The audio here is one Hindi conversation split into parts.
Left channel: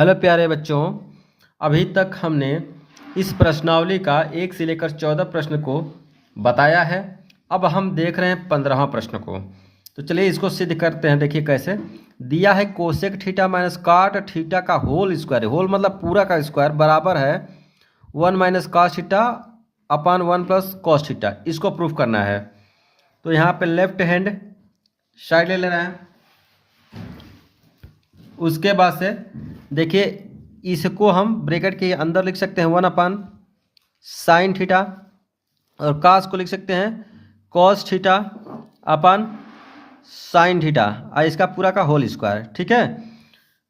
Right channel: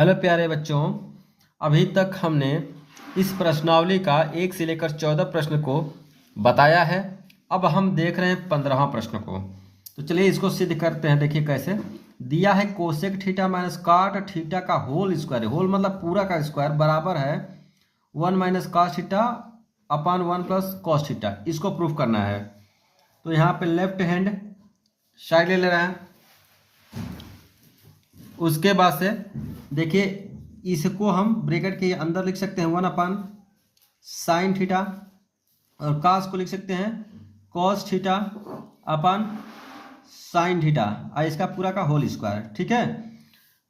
हेलो प्यारे बच्चों, अभी तक हमने इस प्रश्नावली का 1 से लेकर 14 प्रश्न को बताया है। अब हम देख रहे हैं 15वां प्रश्न को। तो चलिए इसको सिद्ध करते हैं। देखिए कैसे दिया है। Cosec theta minus cot theta का होल स्क्वायर, होल मतलब पूरा का स्क्वायर, बराबर है 1 minus cos theta upon 1 plus cos theta. इसको प्रूफ करना है। तो यहाँ पे लेफ्ट हैंड साइड ले लेना है। उसके बाद से देखिए इसको हम ब्रैकेट के अंदर लिख सकते हैं 1 अपान साइन थीटा, और कास को लिख सकते हैं cos theta upon sine theta, और इसका पूरा का होल स्क्वायर। ठीक है।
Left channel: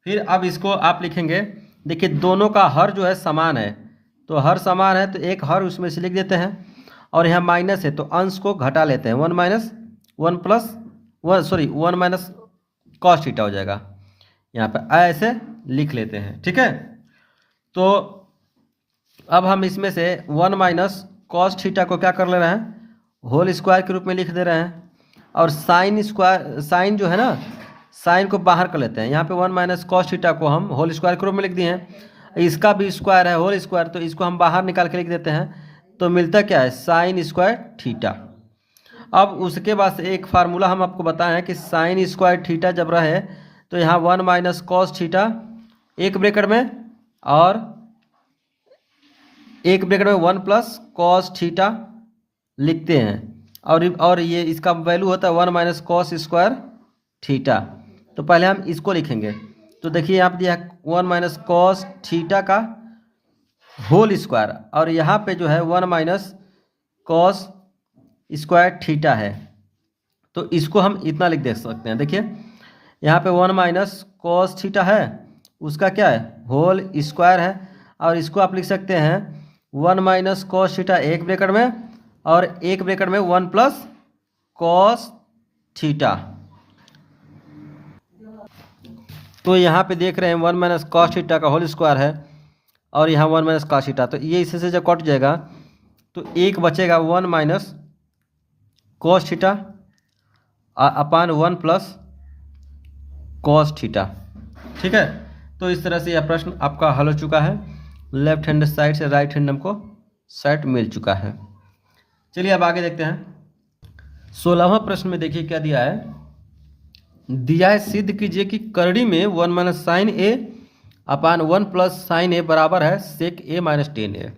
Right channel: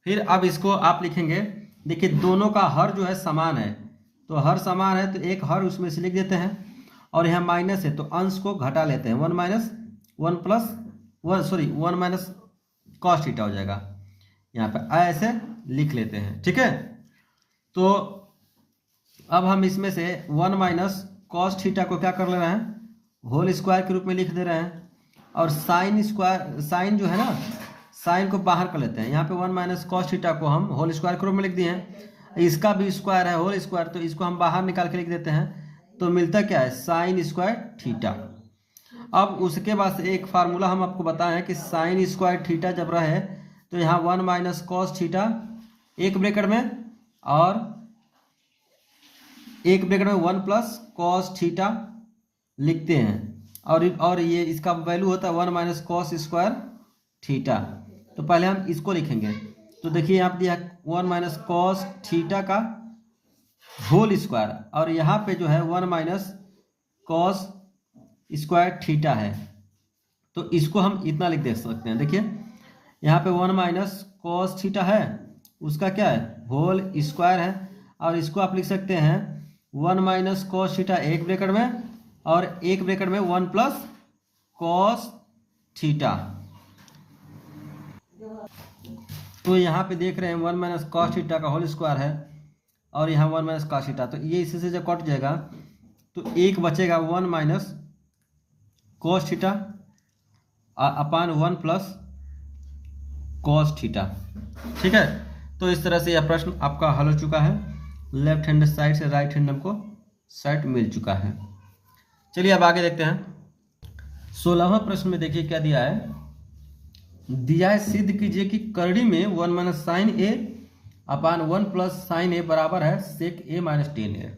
फिर अब इसको आप लिखेंगे। देखिए दोनों का हर जो है समान है, तो हर समान है तो एक हर उसमें से लिख देते हैं, और यहाँ माइनस है तो अंश को घटा लेते हैं। 1 minus 1 plus 1 minus cos theta हो जाएगा। यहाँ पे ऐसे लिख लेते हैं। ठीक है। तो अब हम इसमें से 1 माइनस कॉस थीटा को क्या कर ले रहे हैं, होल स्क्वायर के रूप में लिख दे रहे हैं, और साइन स्क्वायर, साइन जो है ना, साइन को बाहर कर लेते हैं। यहाँ पे 1 माइनस कॉस थीटा को हम होल स्क्वायर के रूप में लिख दिए हैं। इसका भी स्क्वायर है होल स्क्वायर, तो इसको हम बाहर निकाल के लिख देते हैं। तो मिलता क्या है, साइन स्क्वायर थीटा। अब उसके बाद से एक फार्मूला हम आपको बताए हैं कि साइन स्क्वायर थीटा जब रहे तो यहाँ 1 माइनस कॉस थीटा एक ब्रैकेट में, और एक ब्रैकेट में 1 प्लस कॉस थीटा लिखते हैं, और ये इसका वैल्यू होता है 1 माइनस कॉस स्क्वायर थीटा। तो पहले हम इसको लिखेंगे। तो देखिए यहाँ पे दिया है 1 माइनस कॉस थीटा का होल स्क्वायर, और यहाँ पे जो है 1 माइनस कॉस स्क्वायर थीटा है। तो इसको हम इतना लिख दे सकते हैं। देखिए यहाँ पे 1 माइनस कॉस थीटा है, उसका क्या है, होल स्क्वायर है, और इसको आप लिख सकते हैं 1 माइनस कॉस थीटा एक ब्रैकेट में, और एक ब्रैकेट में 1 प्लस कॉस थीटा। तो यहाँ पे देख रहे हैं 1 माइनस कॉस थीटा का होल स्क्वायर है, और यहाँ 1 माइनस कॉस थीटा। तो ये इससे जब कट जाएगा तो एक बचेगा 1 minus cos theta upon 1 plus cos theta. ठीक है। तो इस तरह से यह प्रश्न आपका हल हो चुका है। लेफ्ट हैंड साइड से राइट हैंड हमको सेट मिल चुका है। चलिए अब आगे देखते हैं। 16वां प्रश्न में देखिए क्या दिया है। दिया है सिद्ध कीजिए कि करड़ी में 1 माइनस साइन ए अपान 1 प्लस साइन ए बराबर है सेक ए माइनस टेन ए।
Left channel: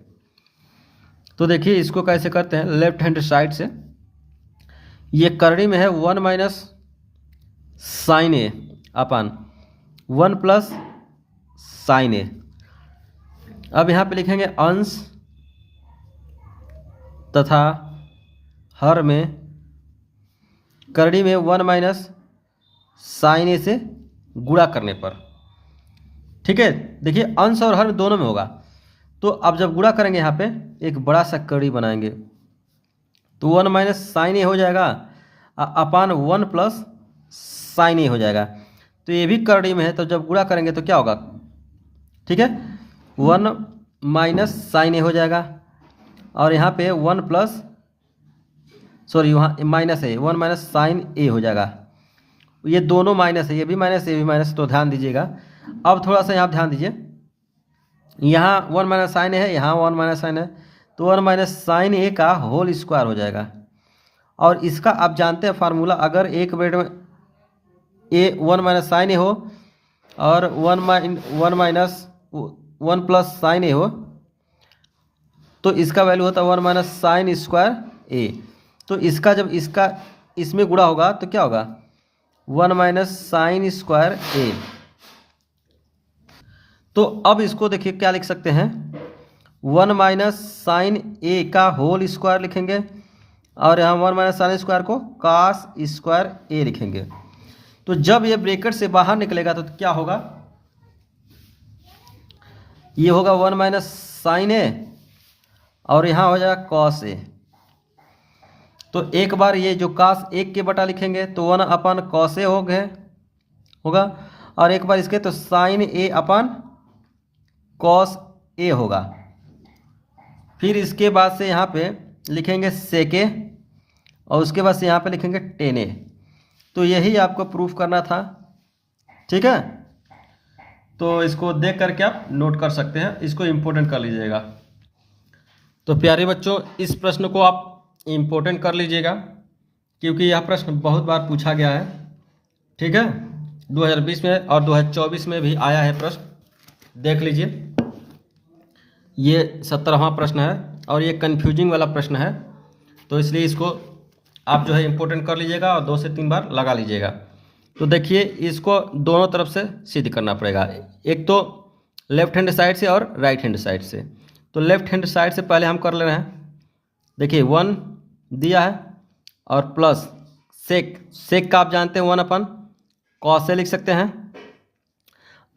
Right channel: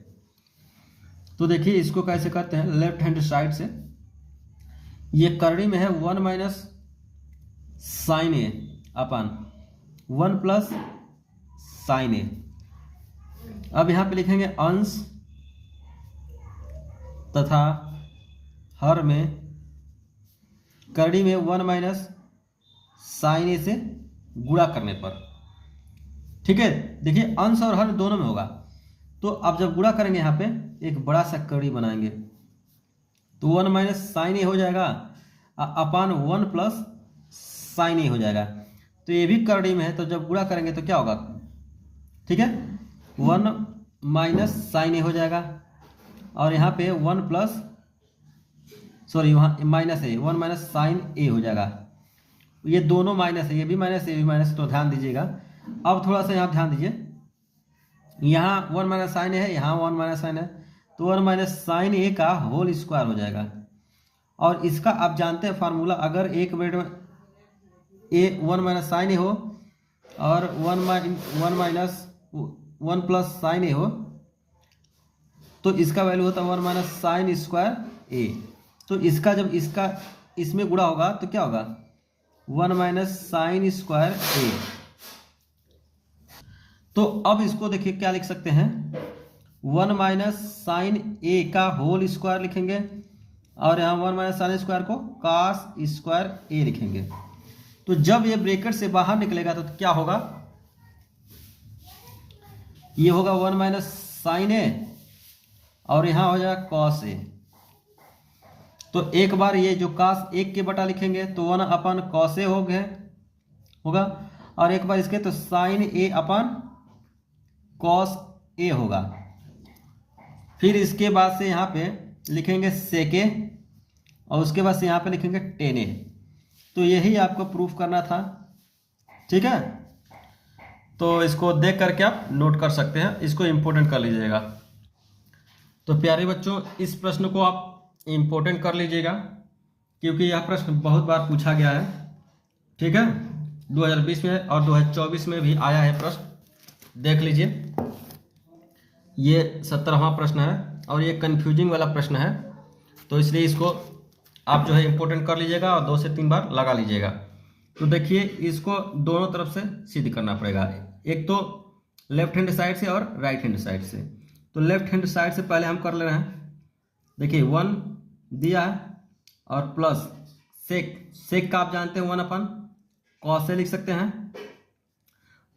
तो देखिए इसको कैसे करते हैं। लेफ्ट हैंड साइड से ये करड़ी में है 1 माइनस साइन ए अपान 1 प्लस साइन ए। अब यहाँ पे लिखेंगे अंश तथा हर में करड़ी में 1 माइनस साइन ए से गुणा करने पर। ठीक है। देखिए अंश और हर दोनों में होगा, तो अब जब गुणा करेंगे यहाँ पे एक बड़ा सा करड़ी बनाएंगे, तो 1 माइनस साइन ए हो जाएगा अपान 1 प्लस साइन ए हो जाएगा। तो ये भी करड़ी में है, तो जब गुणा करेंगे तो क्या होगा, ठीक है, 1 माइनस साइन ए हो जाएगा, और यहाँ पे 1 प्लस वहाँ माइनस है, 1 माइनस साइन ए हो जाएगा। ये दोनों माइनस है, ये भी माइनस ये भी माइनस, तो ध्यान दीजिएगा। अब थोड़ा सा यहाँ ध्यान दीजिए, यहाँ 1 माइनस साइन ए है, यहाँ 1 माइनस साइन है, तो 1 माइनस साइन ए का होल स्क्वायर हो जाएगा। और इसका आप जानते हैं फार्मूला, अगर एक ब्रैकेट में ए 1 माइनस साइन ए हो और 1 माइनस 1 प्लस साइन ए हो, तो इसका वैल्यू होता है 1 माइनस साइन स्क्वायर ए। तो इसका जब इसका इसमें गुणा होगा तो क्या होगा, 1 माइनस साइन स्क्वायर ए। तो अब इसको देखिए क्या लिख सकते हैं, 1 माइनस साइन ए का होल स्क्वायर लिखेंगे, और यहाँ 1 माइनस साइन स्क्वायर को कास स्क्वायर ए लिखेंगे। तो जब ये ब्रैकेट से बाहर निकलेगा तो क्या होगा, ये होगा 1 माइनस साइन ए, और यहाँ हो जाएगा कॉस ए। तो एक बार ये जो कास एक के बटा लिखेंगे तो 1 अपान कॉस ए होगा, और एक बार इसके तो sign A upon cos A होगा। फिर इसके बाद से यहाँ पे लिखेंगे सेक ए, और उसके बाद से यहाँ पे लिखेंगे टेन ए। तो यही आपको प्रूफ करना था। ठीक है। तो इसको देख करके आप नोट कर सकते हैं, इसको इम्पोर्टेंट कर लीजिएगा। तो प्यारे बच्चों, इस प्रश्न को आप इम्पोर्टेंट कर लीजिएगा क्योंकि यह प्रश्न बहुत बार पूछा गया है। ठीक है, 2020 में और 2024 में भी आया है प्रश्न, देख लीजिए। ये 17वां प्रश्न है और ये कन्फ्यूजिंग वाला प्रश्न है, तो इसलिए इसको आप जो है इम्पोर्टेंट कर लीजिएगा और 2 से 3 बार लगा लीजिएगा। तो देखिए, इसको दोनों तरफ से सिद्ध करना पड़ेगा, एक तो लेफ्ट हैंड साइड से और राइट हैंड साइड से। तो लेफ्ट हैंड साइड से पहले हम कर ले रहे हैं। देखिए 1 दिया है और प्लस सेक का आप जानते हैं 1/cos से लिख सकते हैं,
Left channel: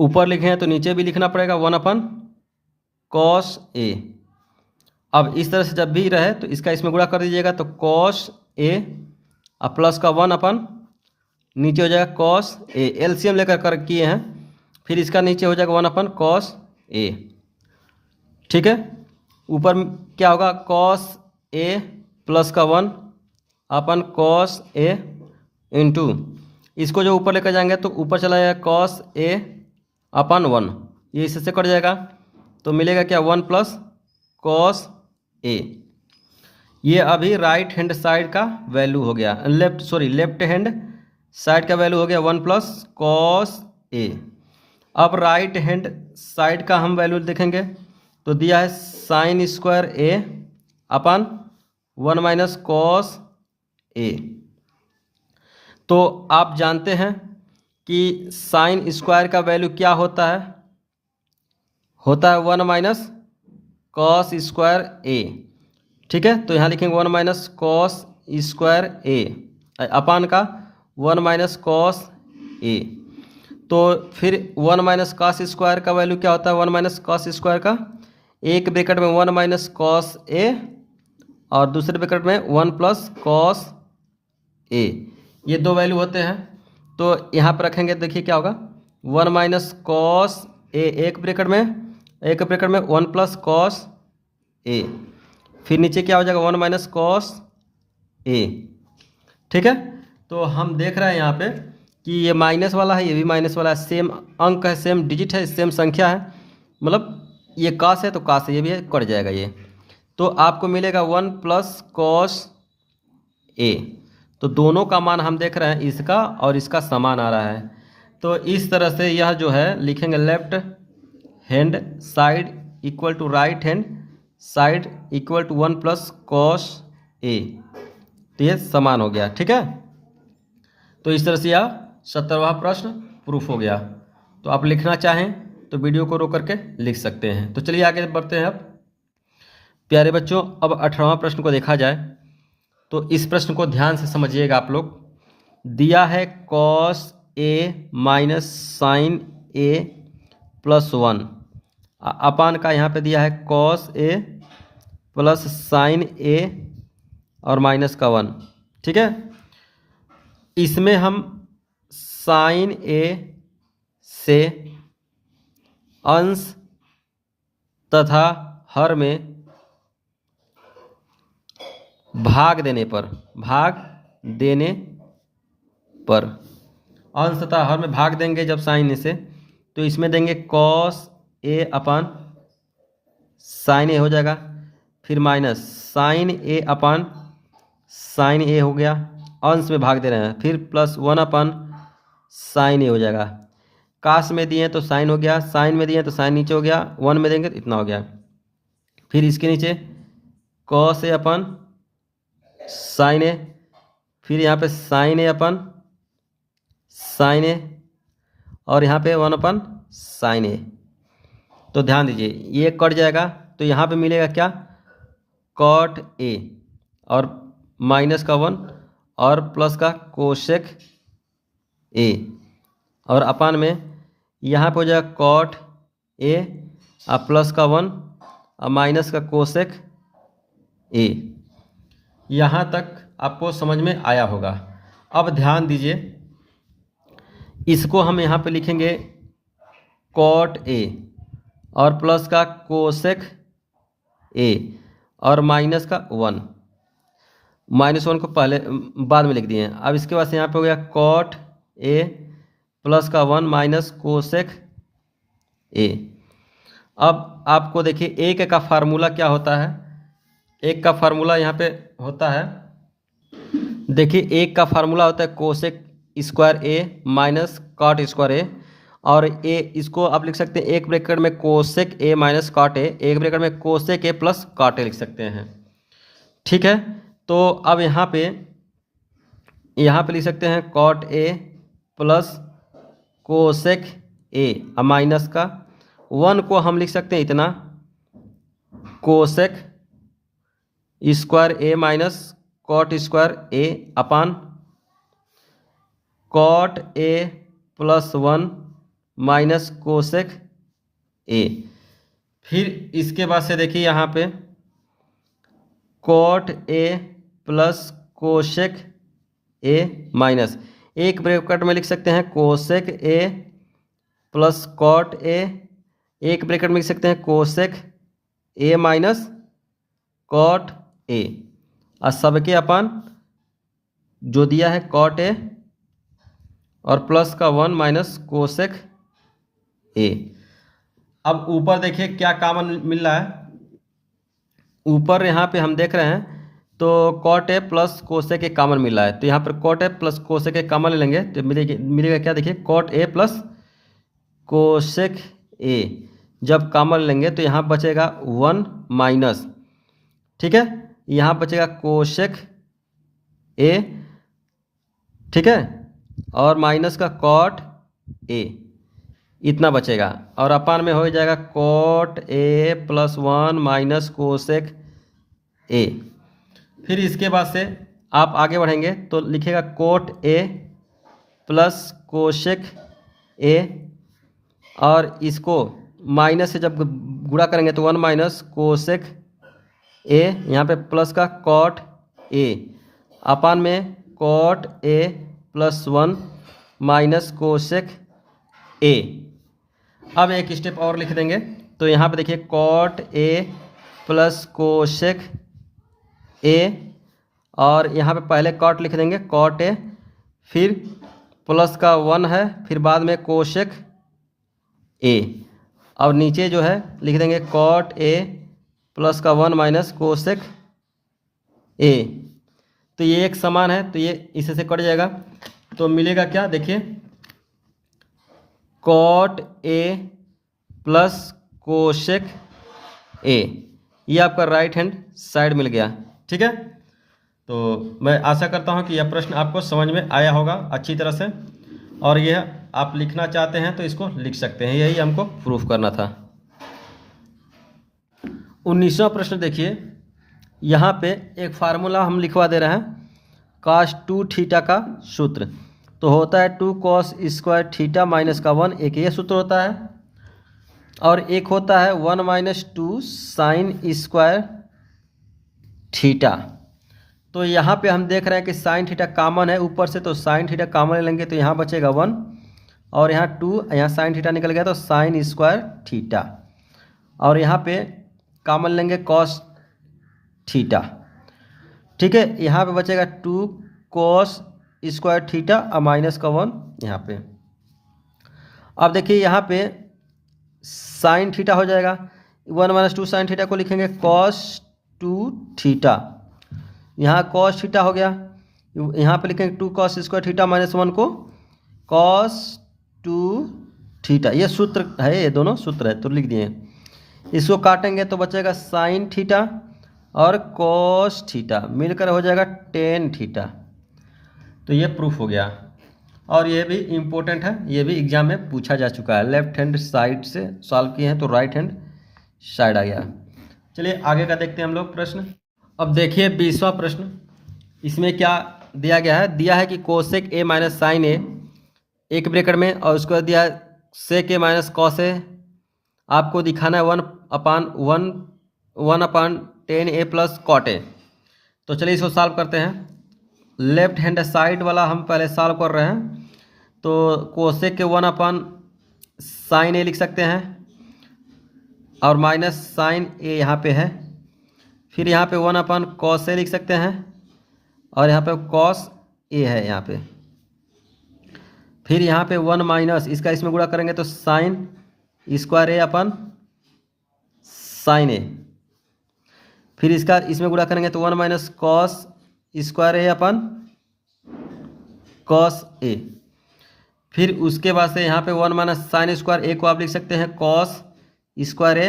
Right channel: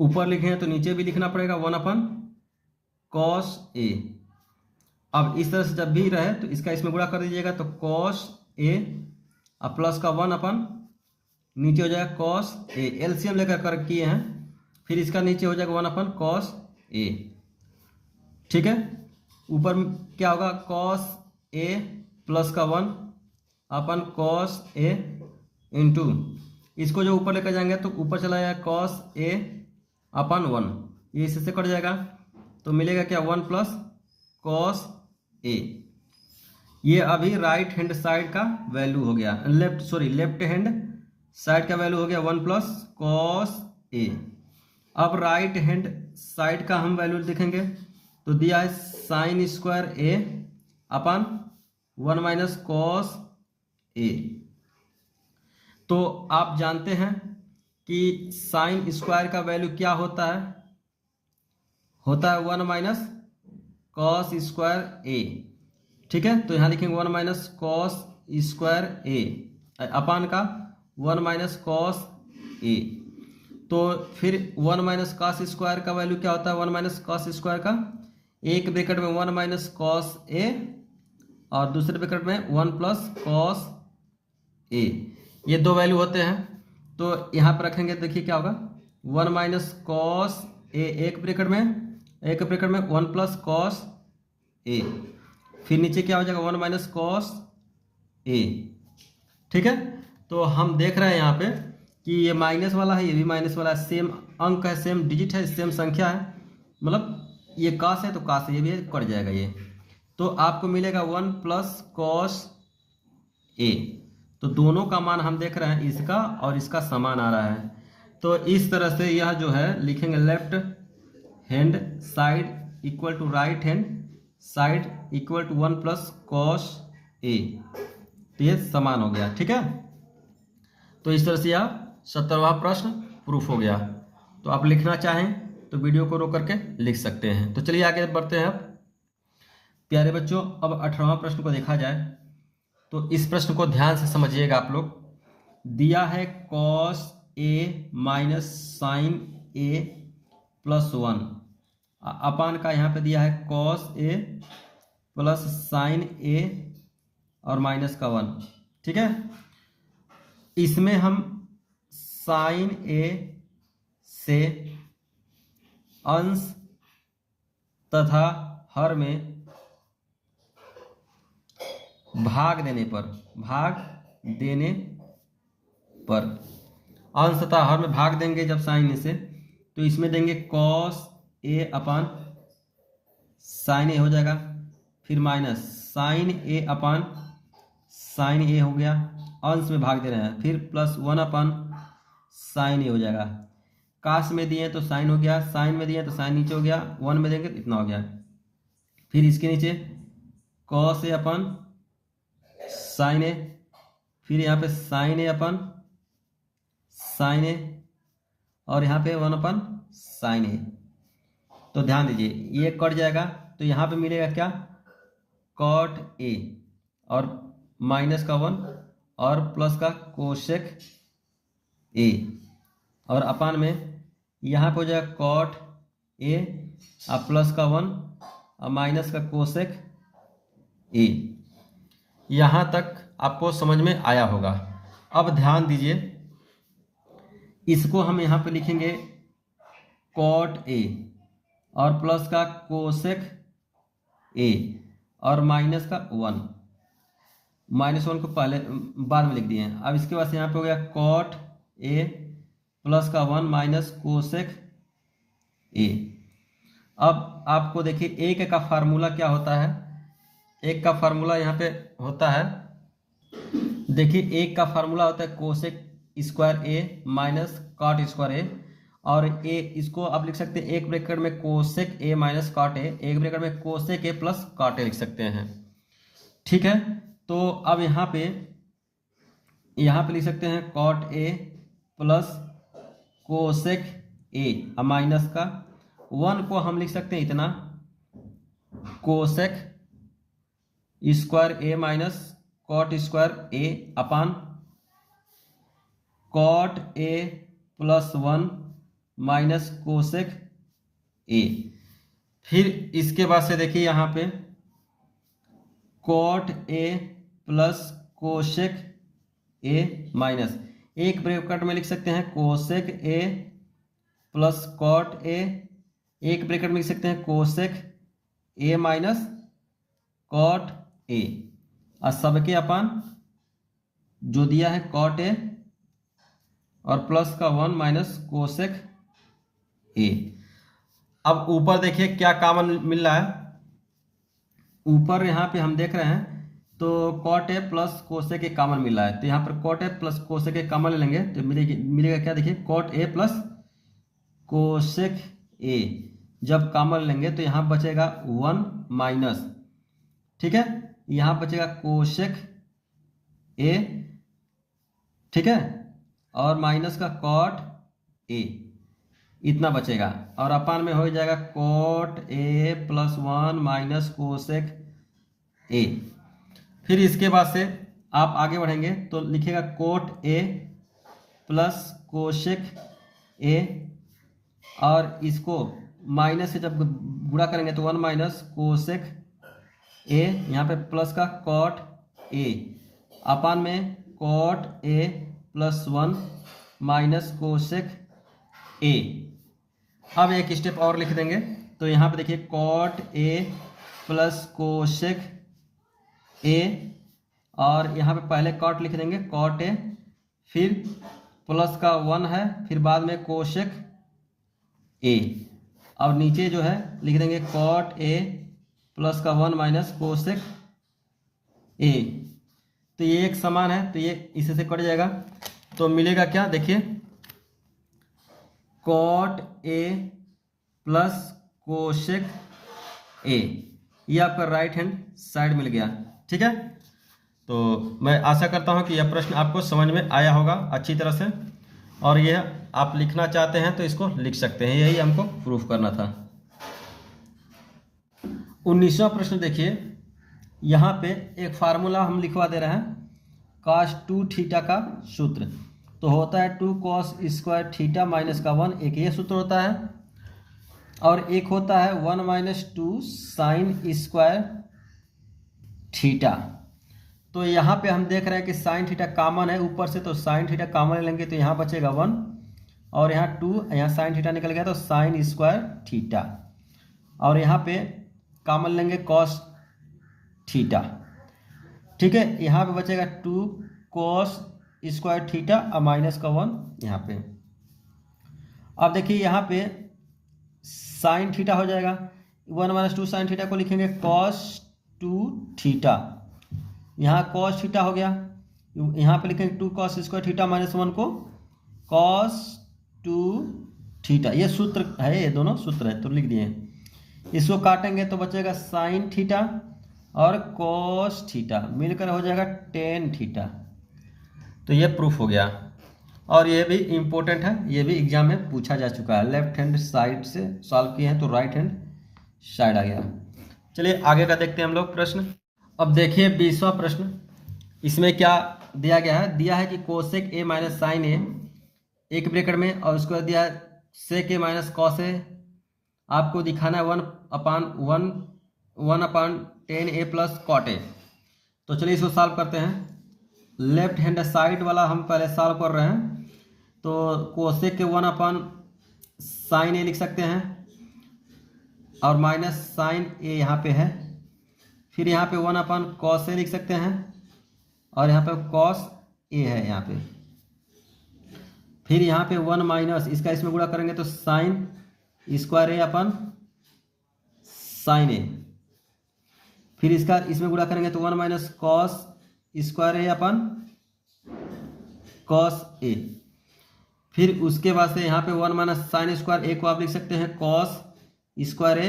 ऊपर लिखे हैं तो नीचे भी लिखना पड़ेगा 1/cos A। अब इस तरह से जब भी रहे तो इसका इसमें गुणा कर दीजिएगा, तो cos A और प्लस का 1 नीचे हो जाएगा cos A, एलसीएम लेकर कर किए हैं, फिर इसका नीचे हो जाएगा 1/cos A। ठीक है, ऊपर क्या होगा cos A प्लस का 1/cos A इंटू, इसको जो ऊपर लेकर जाएंगे तो ऊपर चला जाएगा cos A/1, ये इससे कट जाएगा तो मिलेगा क्या 1+cos A। ये अभी राइट हैंड साइड का वैल्यू हो गया, लेफ्ट हैंड साइड का वैल्यू हो गया 1+cos A। अब राइट हैंड साइड का हम वैल्यू देखेंगे तो दिया है sin² A/1 - cos A। तो आप जानते हैं कि sin² का वैल्यू क्या होता है 1 - cos² A। ठीक है, तो यहाँ लिखेंगे 1 - cos² A अपान का 1 - cos A। तो फिर 1 - cos² का वैल्यू क्या होता है 1 - cos² का, एक ब्रैकेट में 1 - cos A और दूसरे ब्रैकेट में 1+cos A, ये दो वैल्यू होते हैं। तो यहाँ पर रखेंगे, देखिए क्या होगा 1 - cos A एक ब्रैकेट में 1+cos A, फिर नीचे क्या हो जाएगा 1 - cos A। ठीक है, तो हम देख रहे हैं यहाँ पे कि ये माइनस वाला है, ये भी माइनस वाला है, सेम अंक है, सेम डिजिट है, सेम संख्या है, मतलब ये कास है तो कास है, ये भी कट जाएगा ये, तो आपको मिलेगा 1+cos A। तो दोनों का मान हम देख रहे हैं, इसका और इसका समान आ रहा है। तो इस तरह से यह जो है लिखेंगे left hand side equal to right hand side equal to 1+cos A, तो ये समान हो गया। ठीक है, तो इस तरह से यह 17वां प्रश्न प्रूफ हो गया। तो आप लिखना चाहें तो वीडियो को रोक करके लिख सकते हैं। तो चलिए आगे बढ़ते हैं। अब प्यारे बच्चों, अब 18वां प्रश्न को देखा जाए तो इस प्रश्न को ध्यान से समझिएगा आप लोग। दिया है cos A - sin A +1 अपान का यहाँ पे दिया है cos A plus sin A और -1। ठीक है, इसमें हम sin A से अंश तथा हर में भाग देने पर अंश तथा हर में भाग देंगे जब साइन से, तो इसमें देंगे cos A upon sin A हो जाएगा, फिर minus sin A upon sin A हो गया, अंश में भाग दे रहे हैं, फिर प्लस 1/sin A हो जाएगा। काश में दिए तो साइन हो गया, साइन में दिए तो साइन नीचे हो गया, 1 में देंगे तो इतना हो गया, फिर इसके नीचे cos A upon sin A, फिर यहाँ पे sin A upon sin A और यहाँ पे 1/sin A। तो ध्यान दीजिए, ये कट जाएगा तो यहाँ पे मिलेगा क्या cot A और -1 और प्लस का कोसेक A और अपान में यहाँ पे हो जाएगा cot A और प्लस का 1 और माइनस का कोसेक A। यहाँ तक आपको समझ में आया होगा। अब ध्यान दीजिए, इसको हम यहाँ पे लिखेंगे cot A और प्लस का कोसेक A और माइनस का 1, -1 को पहले बाद में लिख दिए हैं। अब इसके बाद यहाँ पे हो गया cot A प्लस का 1 माइनस कोसेक ए। अब आपको देखिए एक का फार्मूला क्या होता है, एक का फार्मूला यहाँ पे होता है, देखिए एक का फार्मूला होता है cosec square A minus cot square ए, और ए इसको आप लिख सकते हैं एक ब्रैकेट में cosec A minus cot A, एक ब्रैकेट में cosec A plus cot A लिख सकते हैं। ठीक है, तो अब यहाँ पे लिख सकते हैं cot A plus cosec A, अब माइनस का 1 को हम लिख सकते हैं इतना cosec square A minus cot square A upon cot A plus 1 minus cosec A. फिर इसके बाद से देखिए यहाँ पे cot A plus cosec A minus एक ब्रैकेट में लिख सकते हैं cosec A plus cot A, एक ब्रैकेट में लिख सकते हैं cosec A minus cot A, और सबके अपान जो दिया है कॉट ए और प्लस का 1 माइनस कोसेक ए। अब ऊपर देखिए क्या कॉमन मिल रहा है, ऊपर यहाँ पे हम देख रहे हैं तो cot A plus cosec A common मिल रहा है, तो यहाँ पर cot A plus cosec A common ले लेंगे तो मिलेगा क्या, देखिए cot A plus cosec A जब कॉमन लेंगे तो यहाँ बचेगा 1 माइनस, ठीक है, यहाँ बचेगा कोसेक ए, ठीक है, और माइनस का कॉट ए, इतना बचेगा, और अपान में हो जाएगा cot A plus 1 minus cosec A. फिर इसके बाद से आप आगे बढ़ेंगे तो लिखेगा cot A plus cosec A, और इसको माइनस से जब गुणा करेंगे तो 1 माइनस कोसेक ए, यहाँ पे प्लस का कॉट ए अपान में cot A plus 1 minus cosec A. अब एक स्टेप और लिख देंगे तो यहाँ पे देखिए cot A plus cosec A, और यहाँ पे पहले कॉट लिख देंगे कॉट ए, फिर प्लस का 1 है, फिर बाद में कोसेक ए, और नीचे जो है लिख देंगे कॉट ए प्लस का 1 माइनस कोसेक ए। तो ये एक समान है तो ये इसे से कट जाएगा, तो मिलेगा क्या, देखिए cot A plus cosec A, ये आपका राइट हैंड साइड मिल गया। ठीक है, तो मैं आशा करता हूँ कि यह प्रश्न आपको समझ में आया होगा अच्छी तरह से, और यह आप लिखना चाहते हैं तो इसको लिख सकते हैं, यही हमको प्रूफ करना था। 19वां प्रश्न देखिए, यहाँ पे एक फार्मूला हम लिखवा दे रहे हैं cos 2 थीटा का सूत्र, तो होता है 2 cos स्क्वायर थीटा माइनस का 1, एक ये सूत्र होता है, और एक होता है 1 माइनस 2 साइन स्क्वायर थीटा। तो यहाँ पे हम देख रहे हैं कि साइन थीटा कॉमन है ऊपर से, तो साइन थीटा कॉमन लेंगे तो यहाँ बचेगा 1, और यहाँ 2, यहाँ साइन थीटा निकल गया तो साइन स्क्वायर थीटा, और यहाँ पे कॉमन लेंगे कॉस थीटा। ठीक है, यहाँ पे बचेगा 2 कॉस स्क्वायर थीटा और माइनस का 1 यहाँ पे। अब देखिए यहाँ पे साइन थीटा हो जाएगा, 1 माइनस 2 साइन थीटा को लिखेंगे कॉस 2 थीटा, यहाँ कॉस थीटा हो गया, यहाँ पे लिखेंगे 2 कॉस स्क्वायर थीटा माइनस 1 को कॉस 2 थीटा, ये सूत्र है, ये दोनों सूत्र है तो लिख दिए। इसको काटेंगे तो बचेगा साइन थीटा और कॉस थीटा मिलकर हो जाएगा टेन थीटा। तो ये प्रूफ हो गया, और ये भी इम्पोर्टेंट है, ये भी एग्जाम में पूछा जा चुका है, लेफ्ट हैंड साइड से सॉल्व किए हैं तो राइट हैंड साइड आ गया। चलिए आगे का देखते हैं हम लोग प्रश्न। अब देखिए 20वां प्रश्न, इसमें क्या दिया गया है, दिया है कि कोसेक ए माइनस साइन ए एक ब्रैकेट में, और उसको दिया है सेक ए माइनस कॉस ए, आपको दिखाना है 1/10 ए प्लस कॉट ए। तो चलिए इसको सॉल्व करते हैं। लेफ्ट हैंड साइड वाला हम पहले सॉल्व कर रहे हैं, तो कोसेक के 1/sin ए लिख सकते हैं, और माइनस साइन ए यहाँ पे है, फिर यहाँ पे 1/cos ए लिख सकते हैं, और यहाँ पे cos ए है यहाँ पे, फिर यहाँ पे 1 माइनस इसका इसमें गुणा करेंगे तो sine square A upon sign A. फिर इसका इसमें गुणा करेंगे तो 1 माइनस कॉस स्क्वायर ए अपन कॉस ए। फिर उसके बाद से यहाँ पे 1 माइनस साइन स्क्वायर ए को आप लिख सकते हैं कॉस स्क्वायर ए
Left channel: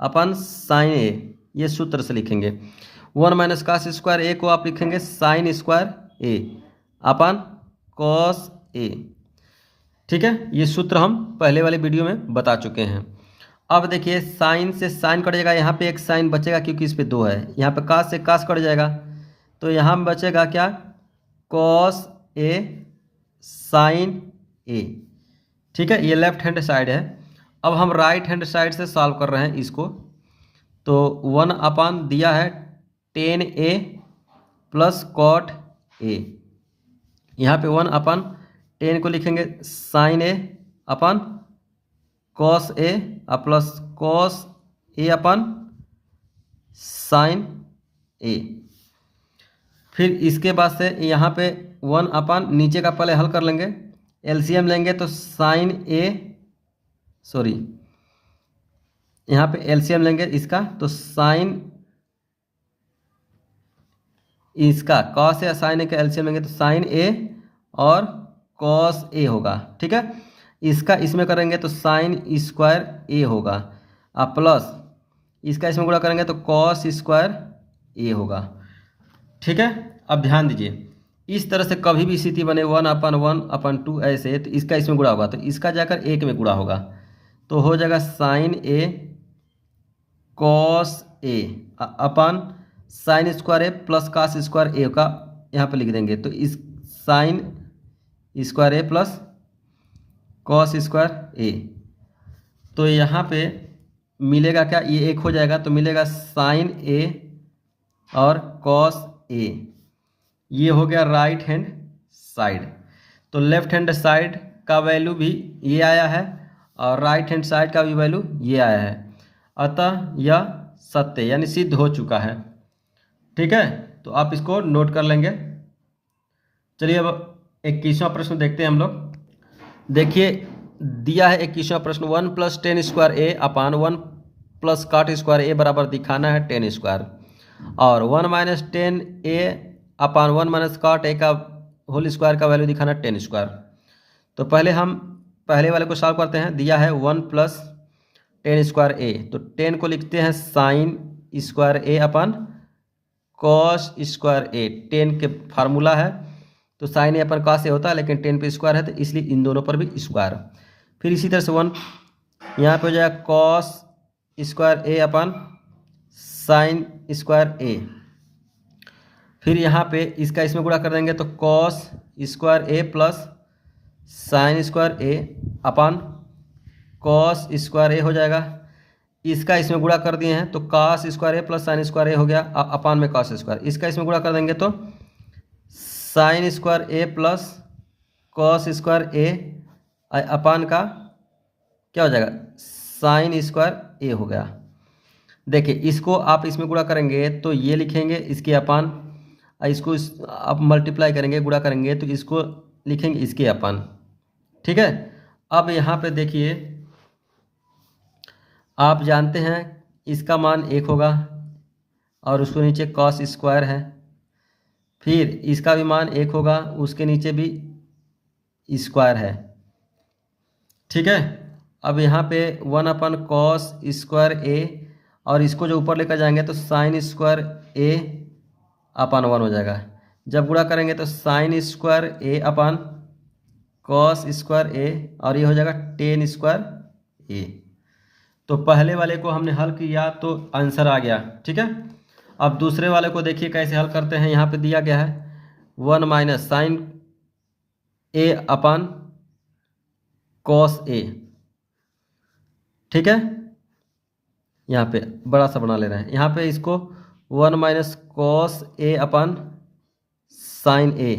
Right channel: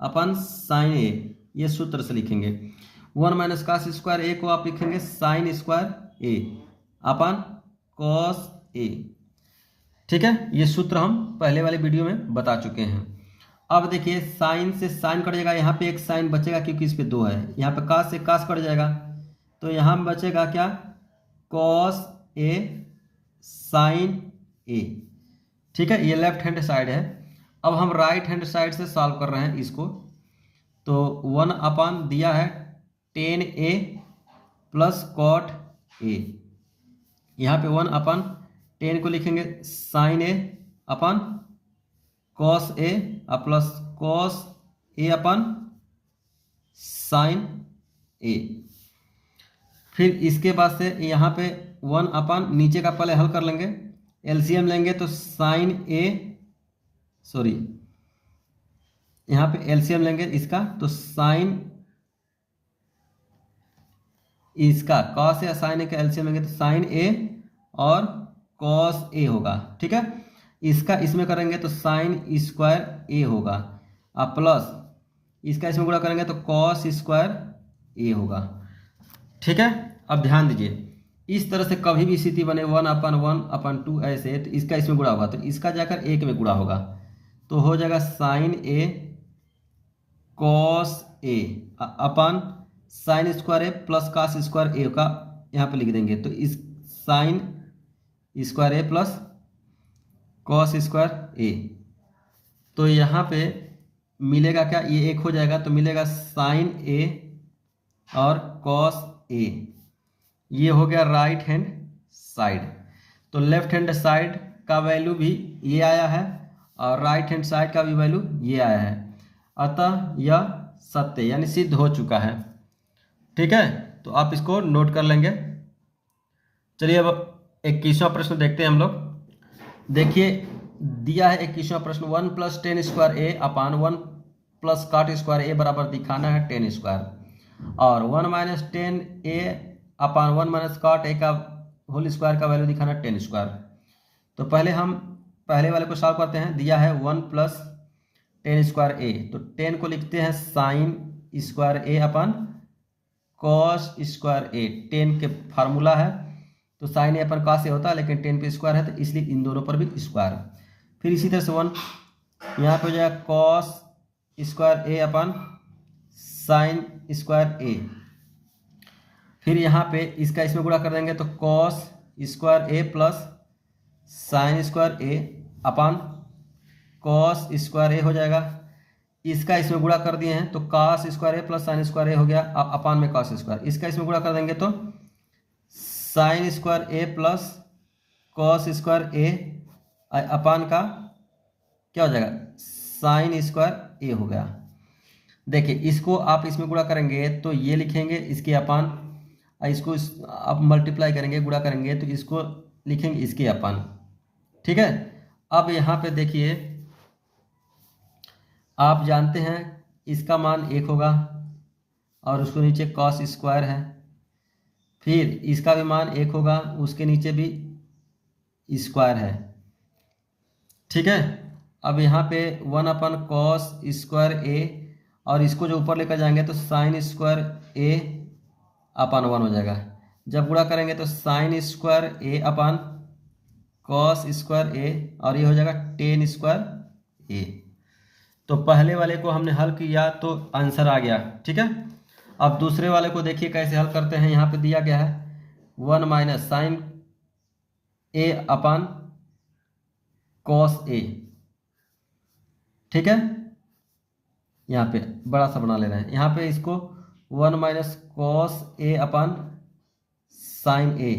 अपन साइन ए, ये सूत्र से लिखेंगे। 1 माइनस कॉस स्क्वायर ए को आप लिखेंगे साइन स्क्वायर ए अपन कॉस ए। ठीक है, ये सूत्र हम पहले वाले वीडियो में बता चुके हैं। अब देखिए साइन से साइन कट जाएगा, यहाँ पे एक साइन बचेगा क्योंकि इस पे 2 है। यहाँ पे कास से कास कट जाएगा तो यहाँ में बचेगा क्या, कॉस ए साइन ए। ठीक है, ये लेफ्ट हैंड साइड है। अब हम राइट हैंड साइड से सॉल्व कर रहे हैं इसको। तो 1 अपान दिया है tan A plus cot A. यहाँ पे 1 अपान टेन को लिखेंगे sin A upon cos A plus cos A upon sign A. फिर इसके बाद से यहाँ पे 1 अपन नीचे का पहले हल कर लेंगे, एलसीएम लेंगे तो साइन ए, सॉरी यहाँ पे एलसीएम लेंगे इसका तो साइन इसका कॉस या साइन ए का एलसीएम लेंगे तो साइन ए और कॉस ए होगा। ठीक है, इसका इसमें करेंगे तो साइन स्क्वायर ए होगा और प्लस इसका इसमें गुणा करेंगे तो कॉस स्क्वायर ए होगा। ठीक है, अब ध्यान दीजिए इस तरह से कभी भी स्थिति बने 1/1/2 ऐसे, तो इसका इसमें गुणा होगा तो इसका जाकर एक में गुणा होगा तो हो जाएगा sign A cos A upon sine square A plus cos square ए का यहाँ पे लिख देंगे तो इस साइन स्क्वायर ए प्लस कॉस स्क्वायर ए। तो यहाँ पे मिलेगा क्या, ये एक हो जाएगा तो मिलेगा साइन ए और कॉस ए। ये हो गया राइट हैंड साइड। तो लेफ्ट हैंड साइड का वैल्यू भी ये आया है और राइट हैंड साइड का भी वैल्यू ये आया है, अतः यह सत्य यानी सिद्ध हो चुका है। ठीक है, तो आप इसको नोट कर लेंगे। चलिए अब 21वां प्रश्न देखते हैं हम लोग। देखिए दिया है 21वां प्रश्न 1 plus tan square A upon 1 plus cot square A बराबर दिखाना है टेन स्क्वायर और 1 minus tan A upon 1 minus cot A का होल स्क्वायर का वैल्यू दिखाना टेन स्क्वायर। तो पहले हम पहले वाले को सॉल्व करते हैं। दिया है 1 प्लस टेन स्क्वायर ए तो 10 को लिखते हैं साइन स्क्वायर ए अपन कॉस स्क्वायर ए। 10 के फार्मूला है तो साइन ए अपन कॉस ए होता है लेकिन 10 पे स्क्वायर है तो इसलिए इन दोनों पर भी स्क्वायर। फिर इसी तरह से 1 यहाँ पे हो जाएगा कॉस स्क्वायर ए अपन साइन स्क्वायर ए। फिर यहाँ पे इसका इसमें गुणा कर देंगे तो कॉस स्क्वायर ए प्लस साइन स्क्वायर ए अपन कॉस स्क्वायर ए हो जाएगा। इसका इसमें गुणा कर दिए हैं तो कॉस स्क्वायर ए प्लस साइन स्क्वायर ए हो गया अपान में कॉस स्क्वायर। इसका इसमें गुणा कर देंगे तो sine square A plus cos square A अपान का क्या हो जाएगा साइन स्क्वायर ए हो गया। देखिए इसको आप इसमें गुणा करेंगे तो ये लिखेंगे इसके अपान, इसको आप मल्टीप्लाई करेंगे गुणा करेंगे तो इसको लिखेंगे इसके अपान। ठीक है, अब यहाँ पे देखिए आप जानते हैं इसका मान 1 होगा और उसको नीचे कॉस स्क्वायर है। फिर इसका भी मान 1 होगा, उसके नीचे भी स्क्वायर है। ठीक है, अब यहाँ पे 1 अपन कॉस स्क्वायर ए और इसको जो ऊपर लेकर जाएंगे तो साइन स्क्वायर ए अपान 1 हो जाएगा। जब गुणा करेंगे तो sine square A upon cos square ए और ये हो जाएगा टेन स्क्वायर ए। तो पहले वाले को हमने हल किया तो आंसर आ गया। ठीक है, अब दूसरे वाले को देखिए कैसे हल करते हैं। यहाँ पे दिया गया है 1 minus sign A upon cos A. ठीक है, यहाँ पे बड़ा सा बना ले रहे हैं। यहाँ पे इसको 1 minus cos A upon sign ए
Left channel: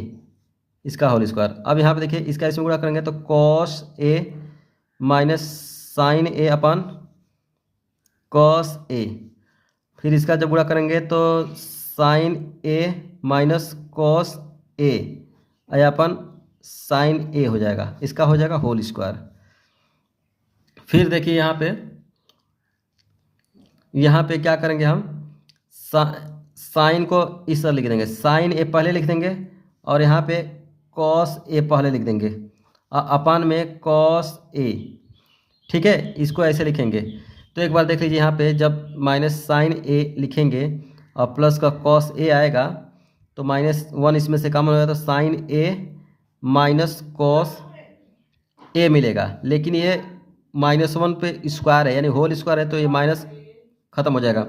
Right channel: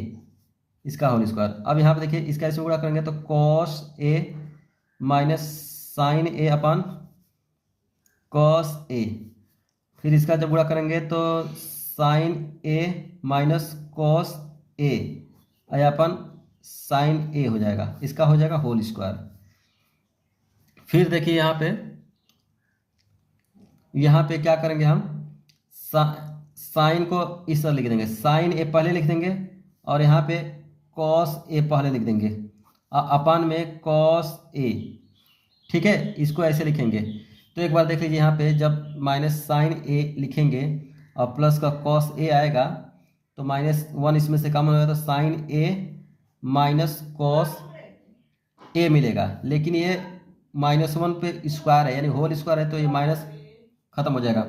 इसका होल स्क्वायर। अब यहाँ पे देखिए इसका इसमें गुणा करेंगे तो cos A minus sign A upon cos A. फिर इसका जब गुणा करेंगे तो sign A minus cos A upon sign ए हो जाएगा, इसका हो जाएगा होल स्क्वायर। फिर देखिए यहाँ पे क्या करेंगे हम, साइन को इस तरह लिख देंगे, साइन ए पहले लिख देंगे और यहाँ पे कॉस ए पहले लिख देंगे अपन में कॉस ए। ठीक है, इसको ऐसे लिखेंगे। तो एक बार देख लीजिए यहाँ पे जब माइनस साइन ए लिखेंगे और प्लस का कॉस ए आएगा तो -1 इसमें से कॉमन होगा तो sign A minus cos A मिलेगा। लेकिन ये -1 पे स्क्वायर है यानी होल स्क्वायर है तो ये माइनस खत्म हो जाएगा।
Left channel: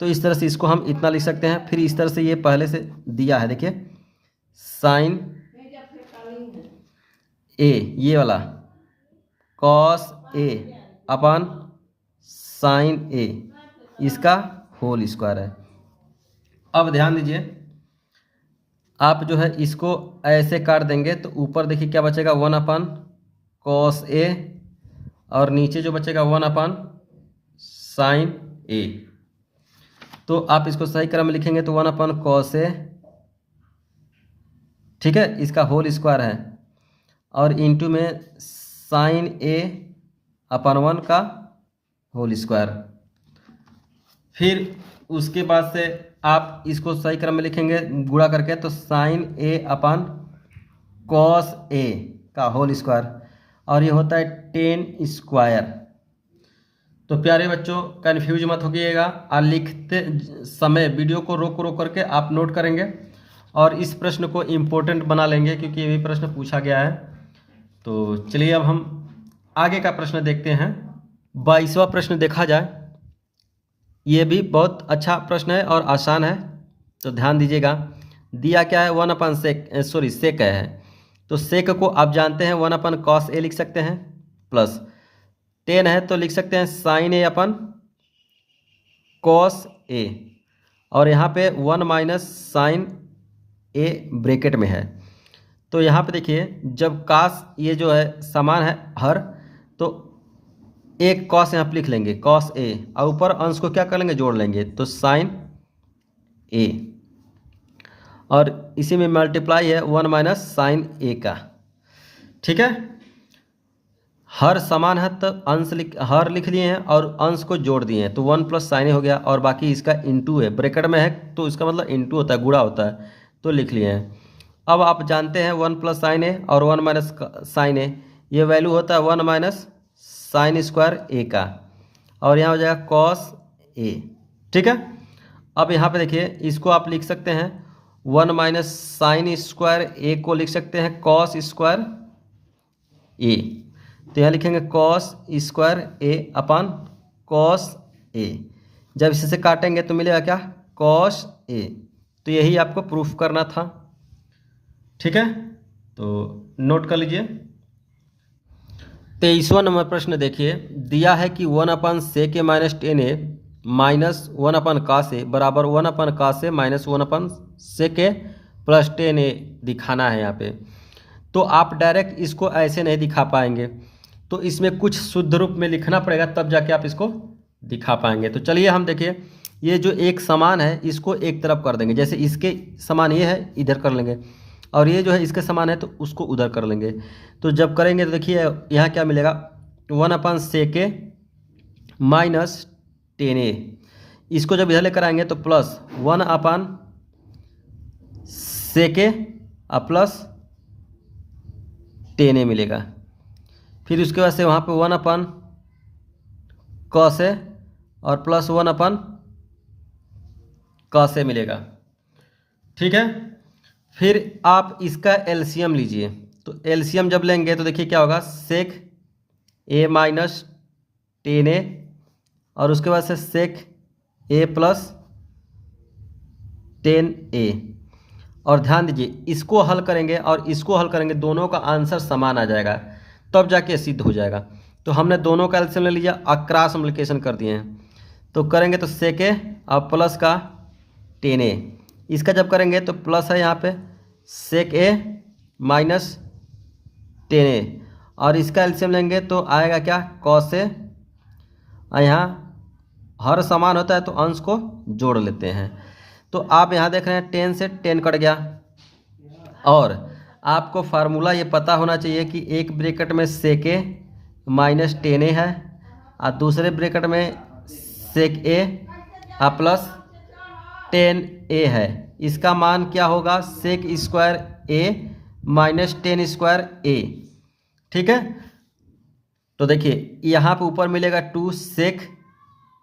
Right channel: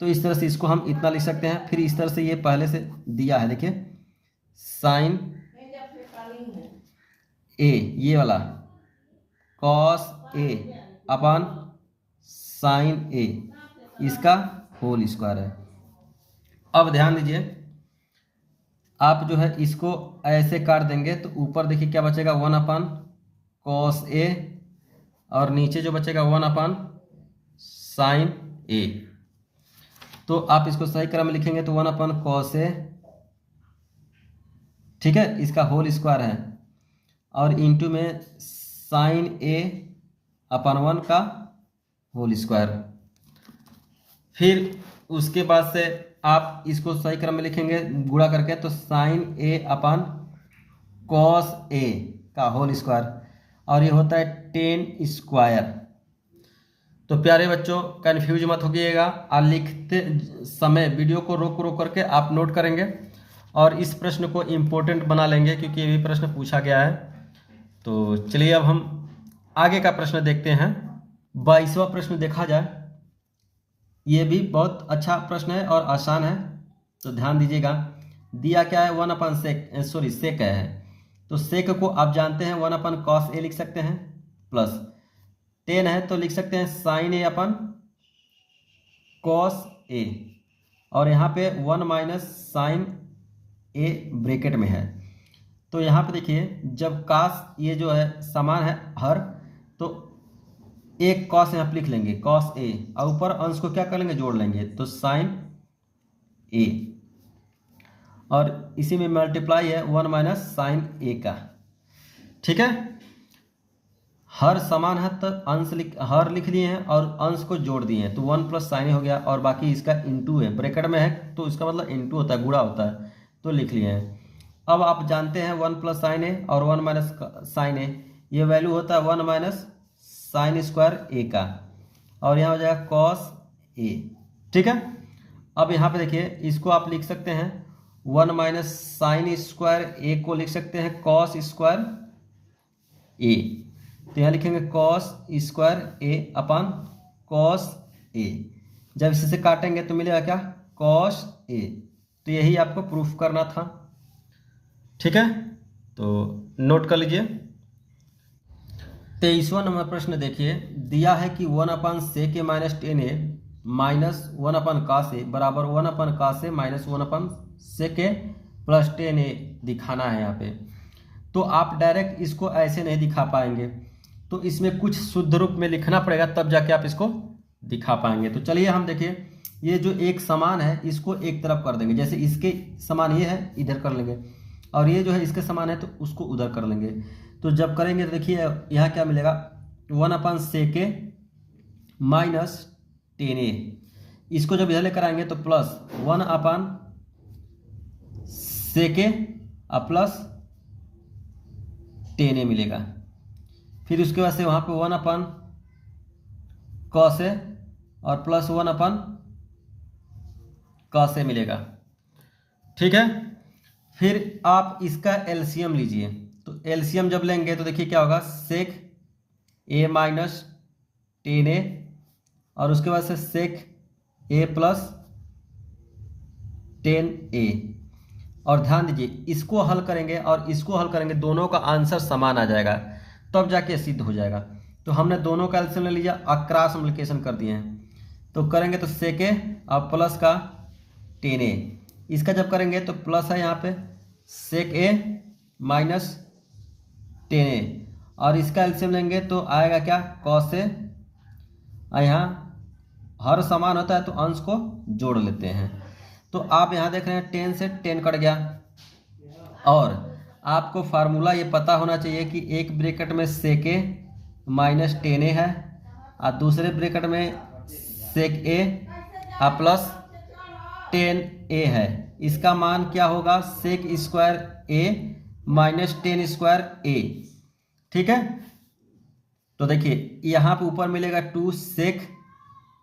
तो इस तरह से इसको हम इतना लिख सकते हैं। फिर इस तरह से ये पहले से दिया है, देखिए साइन ए ये वाला कॉस ए अपन साइन ए इसका होल स्क्वायर है। अब ध्यान दीजिए, आप जो है इसको ऐसे काट देंगे तो ऊपर देखिए क्या बचेगा, 1 अपन कॉस ए और नीचे जो बचेगा 1 अपन साइन ए। तो आप इसको सही क्रम में लिखेंगे तो 1 अपन कॉस ए, ठीक है, इसका होल स्क्वायर है और इंटू में साइन ए अपन 1 का होल स्क्वायर। फिर उसके बाद से आप इसको सही क्रम में लिखेंगे गुणा करके तो साइन ए अपन कॉस ए का होल स्क्वायर और ये होता है 10 स्क्वायर। तो प्यारे बच्चों कन्फ्यूज मत होइएगा और लिखते समय वीडियो को रोक करके आप नोट करेंगे और इस प्रश्न को इम्पोर्टेंट बना लेंगे क्योंकि ये भी प्रश्न पूछा गया है। तो चलिए अब हम आगे का प्रश्न देखते हैं। 22वां प्रश्न देखा जाए, ये भी बहुत अच्छा प्रश्न है और आसान है, तो ध्यान दीजिएगा। दिया क्या है, 1 अपन सेक है, तो सेक को आप जानते हैं 1 अपन कॉस ए लिख सकते हैं, प्लस 10 है तो लिख सकते हैं साइन ए अपन कॉस ए और यहाँ पे 1 माइनस साइन ए ब्रैकेट में है। तो यहाँ पे देखिए जब कास ये जो है समान है हर, तो एक कॉस यहाँ पे लिख लेंगे कॉस ए और ऊपर अंश को क्या कर लेंगे, जोड़ लेंगे तो साइन ए और इसी में मल्टीप्लाई है 1 माइनस साइन ए का। ठीक है, हर समान है तो अंश हर लिख लिए हैं और अंश को जोड़ दिए हैं तो 1 प्लस साइन ए हो गया और बाकी इसका इंटू है, ब्रैकेट में है तो इसका मतलब इंटू होता है, गुणा होता है, तो लिख लिए हैं। अब आप जानते हैं 1 प्लस साइन ए और 1 माइनस साइन ए, ये वैल्यू होता है 1 माइनस साइन स्क्वायर ए का और यहाँ हो जाएगा कॉस ए। ठीक है, अब यहाँ पे देखिए इसको आप लिख सकते हैं 1 माइनस साइन स्क्वायर ए को लिख सकते हैं कॉस स्क्वायर ए, तो यहाँ लिखेंगे कॉस स्क्वायर ए अपन कॉस ए। जब इसे काटेंगे तो मिलेगा क्या, कॉस ए। तो यही आपको प्रूफ करना था। ठीक है, तो नोट कर लीजिए। 23वां नंबर प्रश्न देखिए, दिया है कि 1 अपन सेक ए माइनस 10 ए माइनस 1 अपन कास ए बराबर 1 अपन कास ए माइनस 1 अपन सेक ए प्लस 10 ए दिखाना है यहाँ पे। तो आप डायरेक्ट इसको ऐसे नहीं दिखा पाएंगे, तो इसमें कुछ शुद्ध रूप में लिखना पड़ेगा तब जाके आप इसको दिखा पाएंगे। तो चलिए हम देखिए, ये जो एक समान है इसको एक तरफ कर देंगे, जैसे इसके समान ये है इधर कर लेंगे और ये जो है इसके समान है तो उसको उधर कर लेंगे। तो जब करेंगे तो देखिए यहाँ क्या मिलेगा, 1 अपन सेक ए माइनस 10 ए, इसको जब इधर लेकर आएंगे तो प्लस 1 अपन सेक ए प्लस 10 ए मिलेगा। फिर उसके बाद से वहाँ पे 1 अपन कॉस ए और प्लस 1 अपन कॉस ए मिलेगा। ठीक है, फिर आप इसका एलसीएम लीजिए, तो एलसीएम जब लेंगे तो देखिए क्या होगा, सेक ए माइनस 10 ए और उसके बाद से सेक ए प्लस 10 ए। और ध्यान दीजिए इसको हल करेंगे और इसको हल करेंगे, दोनों का आंसर समान आ जाएगा तब जाके सिद्ध हो जाएगा। तो हमने दोनों का एलसीएम ले लिया और क्रॉस मल्टीप्लिकेशन कर दिए हैं, तो करेंगे तो सेक ए और प्लस का 10 ए, इसका जब करेंगे तो प्लस है यहाँ पे सेक ए माइनस 10 ए और इसका एलसीएम लेंगे तो आएगा क्या, कॉस ए, और यहाँ हर समान होता है तो अंश को जोड़ लेते हैं। तो आप यहाँ देख रहे हैं 10 से 10 कट गया और आपको फार्मूला ये पता होना चाहिए कि एक ब्रैकेट में सेक ए माइनस 10a है, और दूसरे ब्रैकेट में सेक ए प्लस 10a है। इसका मान क्या होगा? सेक स्क्वायर ए माइनस 10 स्क्वायर ए। ठीक है, तो देखिए यहाँ पे ऊपर मिलेगा 2 सेक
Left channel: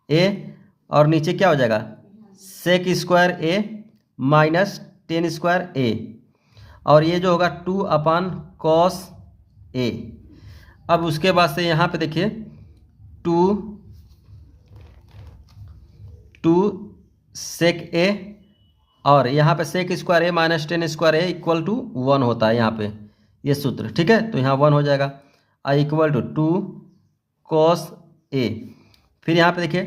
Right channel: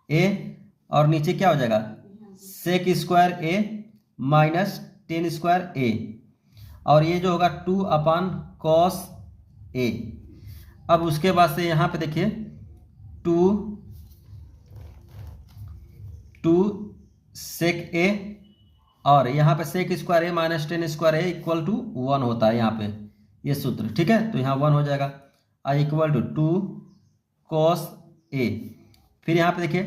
ए और नीचे क्या हो जाएगा? सेक स्क्वायर ए माइनस 10 स्क्वायर ए, और ये जो होगा 2 अपान कॉस ए। अब उसके बाद से यहाँ पे देखिए 2 सेक ए, और यहाँ पे sec square A minus 10 square A equal to 1 होता है यहाँ पे ये सूत्र। ठीक है, तो यहाँ 1 हो जाएगा, I equal to 2 cos A. फिर यहाँ पे देखिए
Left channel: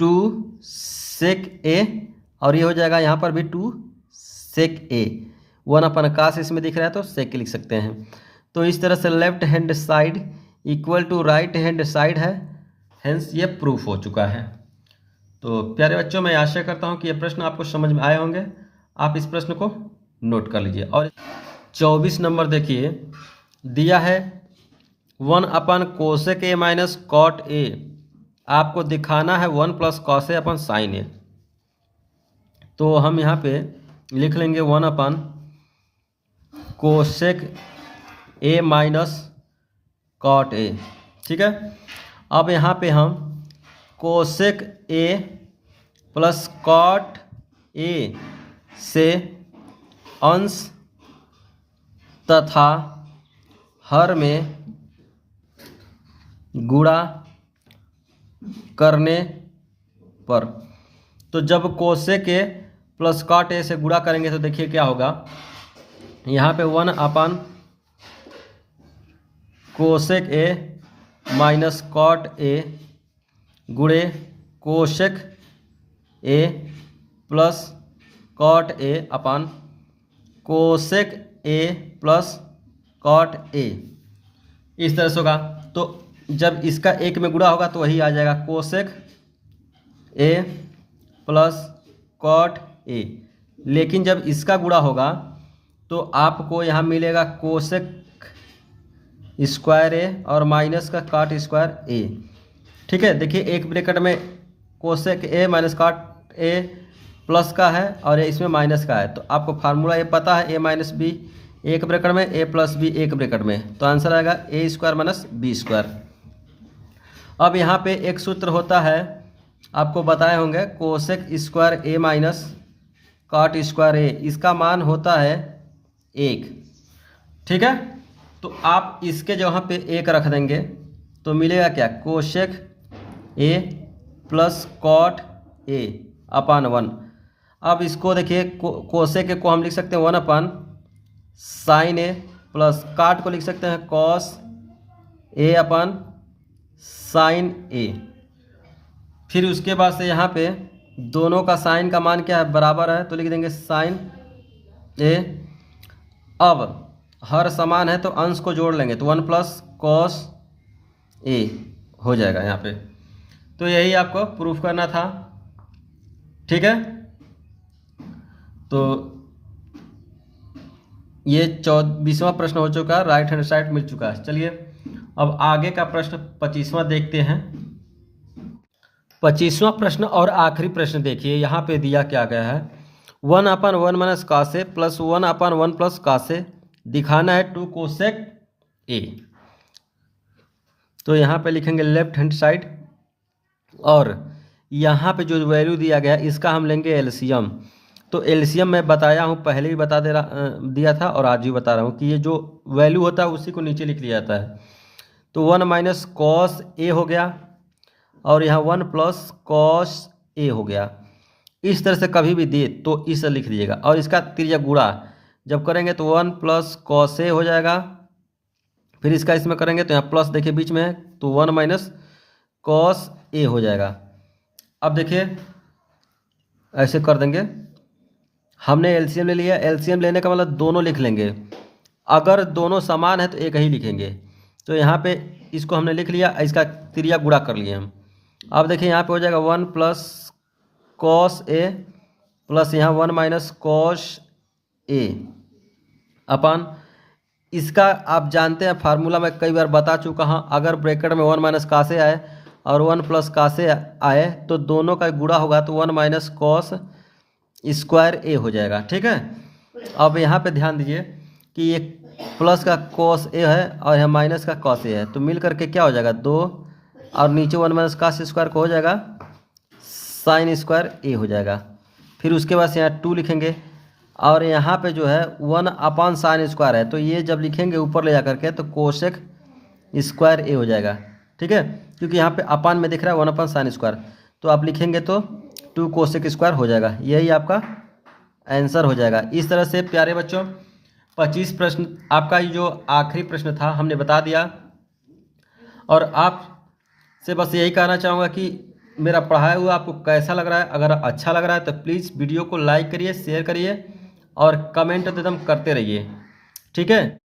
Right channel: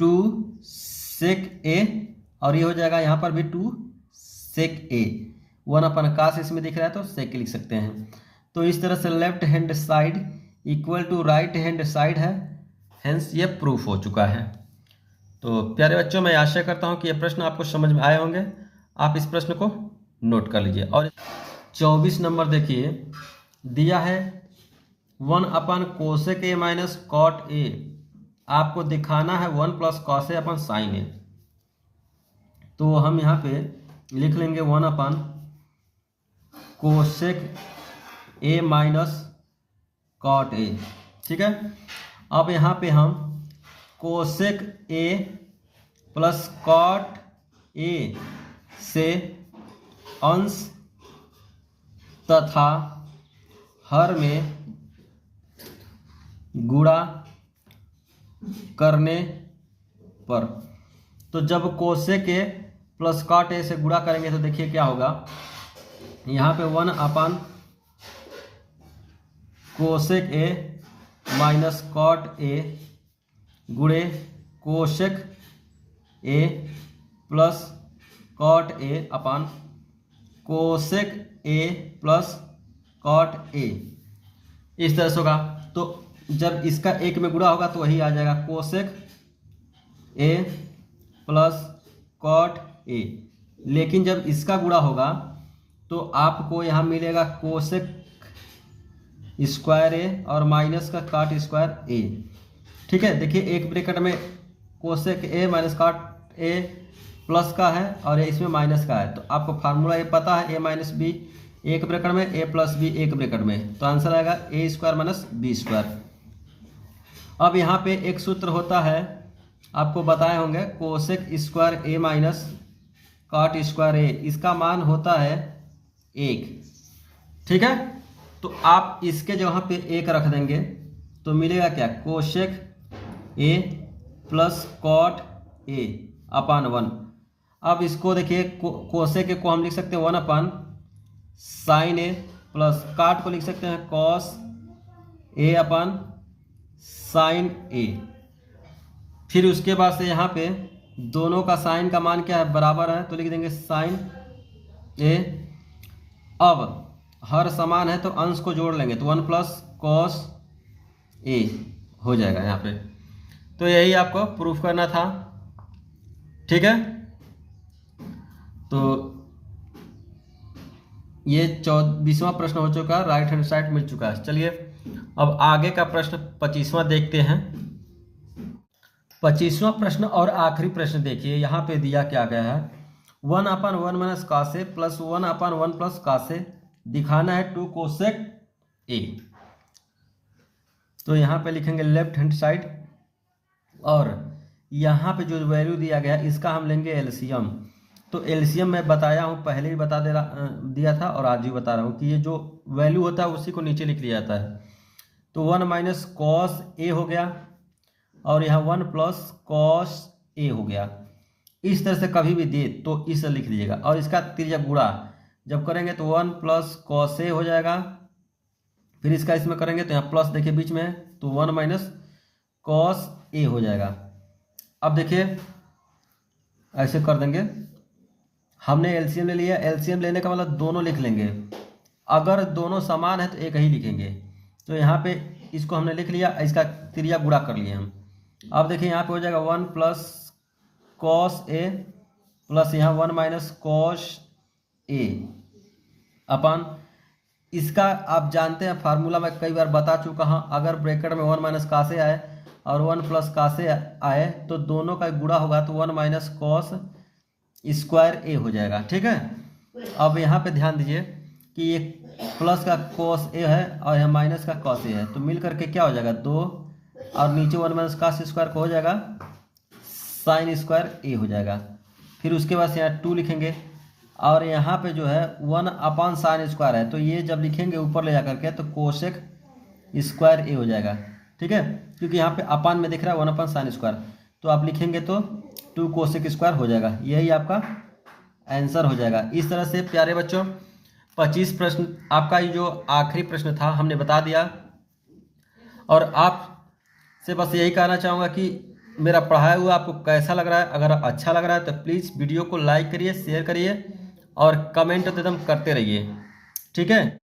2 सेक ए, और ये हो जाएगा यहाँ पर भी 2 सेक ए। 1 अपन काश इसमें दिख रहा है तो सेक लिख सकते हैं। तो इस तरह से left hand side equal to right hand side है, हेंस ये प्रूफ हो चुका है। तो प्यारे बच्चों, मैं आशा करता हूँ कि ये प्रश्न आपको समझ में आए होंगे। आप इस प्रश्न को नोट कर लीजिए। और 24 नंबर देखिए, दिया है 1 upon cosec A minus cot A. आपको दिखाना है 1 plus cos A upon sign A. तो हम यहाँ पे लिख लेंगे 1 upon cosec A minus cot A. ठीक है, अब यहाँ पे हम cosec A plus cot A से अंश तथा हर में गुणा करने पर, तो जब cosec A plus cot A से गुणा करेंगे तो देखिए क्या होगा। यहाँ पे 1 upon cosec A minus cot A गुणे cosec A plus cot A upon cosec A plus cot A, इस तरह से होगा। तो जब इसका एक में गुणा होगा तो वही आ जाएगा cosec A plus cot A. लेकिन जब इसका गुणा होगा तो आपको यहाँ मिलेगा कोसेक स्क्वायर ए और माइनस का कॉट स्क्वायर ए। ठीक है, देखिए एक ब्रैकेट में cosec A minus cot A plus का है और इसमें माइनस का है। तो आपको फार्मूला ये पता है, ए माइनस बी एक ब्रैकेट में, ए प्लस बी एक ब्रैकेट में, तो आंसर आएगा ए स्क्वायर माइनस बी स्क्वायर। अब यहाँ पे एक सूत्र होता है, आपको बताए होंगे, cosec square A minus cot square ए, इसका मान होता है 1। ठीक है, तो आप इसके जगह पे 1 रख देंगे तो मिलेगा क्या? Cosec A plus cot A upon 1। अब इसको देखिए, कोसेक ए को हम लिख सकते हैं 1 अपान साइन ए, प्लस कॉट को लिख सकते हैं cos A upon sign A. फिर उसके बाद से यहाँ पे दोनों का साइन का मान क्या है? बराबर है, तो लिख देंगे साइन ए। अब हर समान है तो अंश को जोड़ लेंगे, तो 1 प्लस कॉस ए हो जाएगा यहाँ पे। तो यही आपको प्रूफ करना था। ठीक है, तो ये 24वां प्रश्न हो चुका है, राइट हैंड साइड मिल चुका है। चलिए अब आगे का प्रश्न 25वां देखते हैं। 25वां प्रश्न और आखिरी प्रश्न देखिए, यहाँ पे दिया क्या गया है, 1 अपान 1 माइनस कासे प्लस 1 अपान 1 प्लस कासे दिखाना है 2 कोसेक ए। तो यहाँ पे लिखेंगे लेफ्ट हैंड साइड, और यहाँ पे जो वैल्यू दिया गया इसका हम लेंगे एलसीएम। तो एलसीएम मैं बताया हूँ, पहले भी दिया था और आज भी बता रहा हूँ कि ये जो वैल्यू होता है उसी को नीचे लिख लिया जाता है। तो 1 माइनस कॉस ए हो गया, और यहाँ 1 प्लस कॉस ए हो गया। इस तरह से कभी भी दे तो इसे लिख लीजिएगा, और इसका त्रिज्या गुणा जब करेंगे तो 1 प्लस कॉस ए हो जाएगा। फिर इसका इसमें करेंगे तो यहाँ प्लस देखिए बीच में है, तो 1 माइनस कॉस ए हो जाएगा। अब देखिए ऐसे कर देंगे, हमने एलसीएम ले लिया, एलसीएम लेने का मतलब दोनों लिख लेंगे। अगर दोनों समान है तो एक ही लिखेंगे। तो यहाँ पे इसको हमने लिख लिया, इसका त्रिज्या गुणा कर लिए हम। अब देखिए यहाँ पे हो जाएगा 1 प्लस कॉस ए प्लस यहाँ 1 माइनस कॉस ए अपान इसका आप जानते हैं फार्मूला मैं कई बार बता चुका हूँ। अगर ब्रैकेट में 1 माइनस का से आए और 1 प्लस का से आए तो दोनों का गुणा होगा तो 1 माइनस कॉस स्क्वायर ए हो जाएगा। ठीक है, अब यहाँ पे ध्यान दीजिए कि ये प्लस का कॉस ए है और यहाँ माइनस का कॉस ए है, तो मिल करके क्या हो जाएगा 2 और नीचे 1 माइनस का स्क्वायर को हो जाएगा साइन स्क्वायर ए हो जाएगा। फिर उसके बाद यहाँ 2 लिखेंगे और यहाँ पे जो है 1 अपॉन साइन स्क्वायर है, तो ये जब लिखेंगे ऊपर ले जा करके तो कोसेक स्क्वायर ए हो जाएगा। ठीक है, क्योंकि यहाँ पे अपान में दिख रहा है 1 अपॉन साइन स्क्वायर, तो आप लिखेंगे तो 2 कोसेक स्क्वायर हो जाएगा। यही आपका आंसर हो जाएगा। इस तरह से प्यारे बच्चों 25 प्रश्न आपका ये जो आखिरी प्रश्न था हमने बता दिया। और आप से बस यही कहना चाहूँगा कि मेरा पढ़ाया हुआ आपको कैसा लग रहा है। अगर अच्छा लग रहा है तो प्लीज़ वीडियो को लाइक करिए, शेयर करिए और कमेंट तो एकदम करते रहिए। ठीक है।